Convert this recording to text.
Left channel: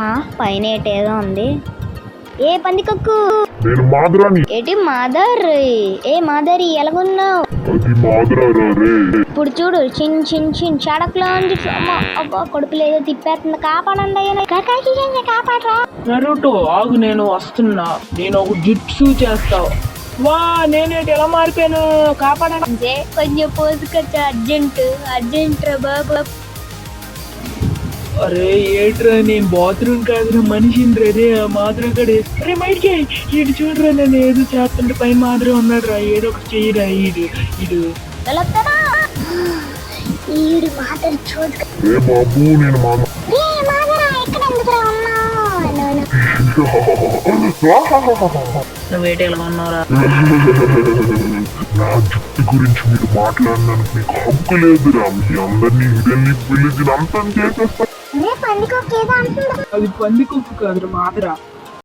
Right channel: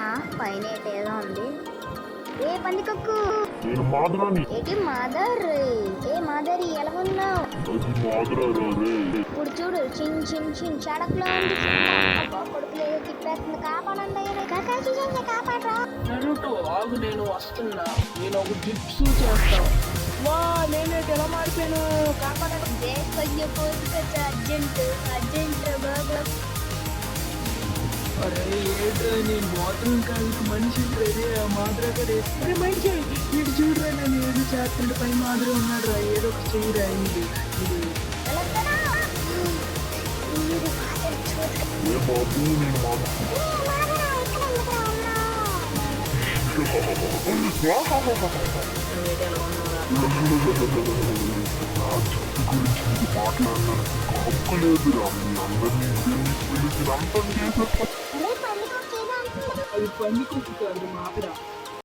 పైన ఏదో ఉంది. ఏ పందికొక్కు నేను మాధురాని. ఏటి మాదర్? ఏ మాదరి ఎలాగున్నావు? అది మాధురారా రే. ఇప్పుడు చూడు చిన్ చిన్ చిన్ షడక్లో కొడుకులు ఏదో తిప్పేస్తుంది. కాపాడండి అయ్యా, కాపాడరా. నరుటో ఆగు, నేను వస్తున్నా. నేను ఒక జిట్సు చేస్తావు. వా నేనేటి ఎలా మారిపోయాను? కాపాడండి. అంటే కొంచెం పోసుకొచ్చా. అర్జెంట్ రా బాబు. అరే ఏట్రా, నేను బాత్రూమ్ కాదు మనిషిని రే. మాత్రం కూడా రే బయటికి ఇటు చూడరా, నేను ఏదో చేస్తుంటే పైన మాత్రం ఉన్నాడు రా. ఏదో ఒక చెయ్యరా. ఇడు ఏ బాబు నేను మాధు. నువ్వేటి ఎలా ఉన్నావురా? నా జుట్టు గురించి మీరు మాట్లాడినందుకు మీకు హక్కు లేదురా. మీ అందరినీ వెళ్ళి పిలిచి అంతం చేసేస్తా. అది పంది కుక్కు కాదురా, మాదరా.